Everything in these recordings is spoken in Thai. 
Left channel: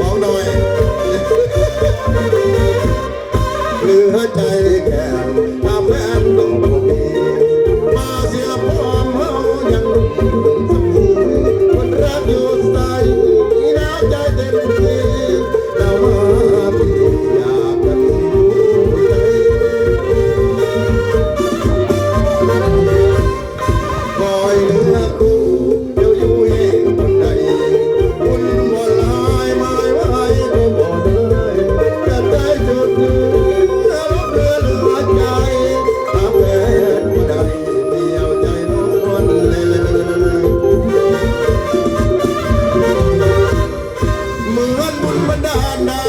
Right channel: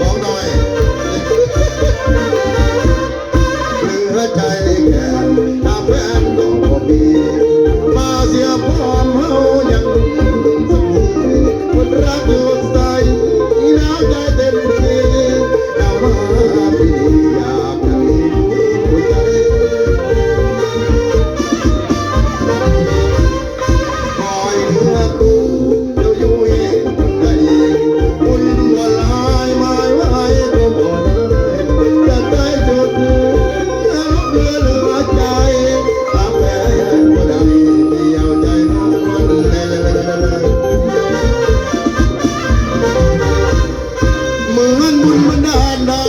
王道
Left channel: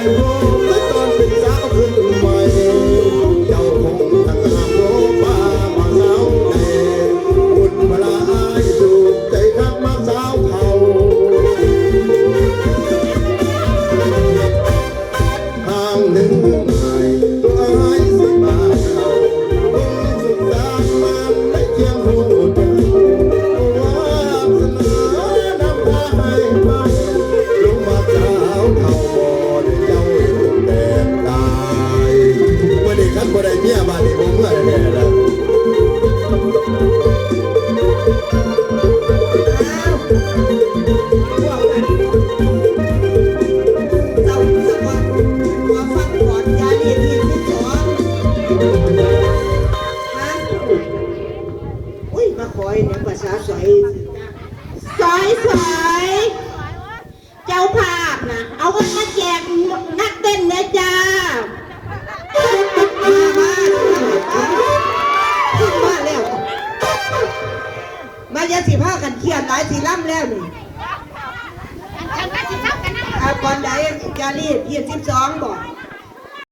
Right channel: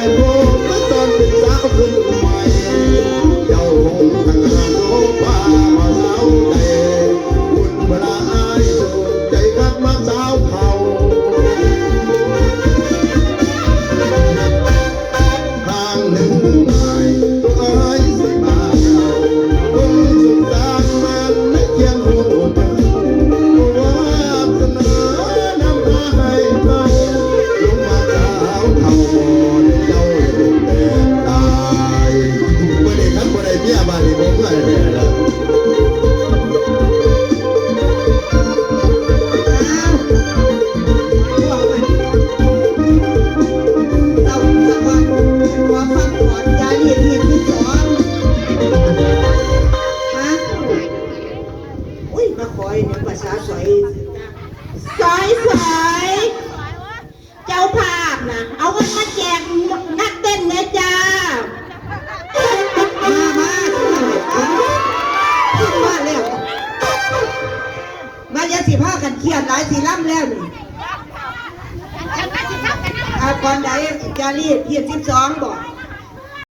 Hallelujah. แบบไหนสีรับแล้วนี่อาก่อนไหนจารีดยี่สิบสองบอก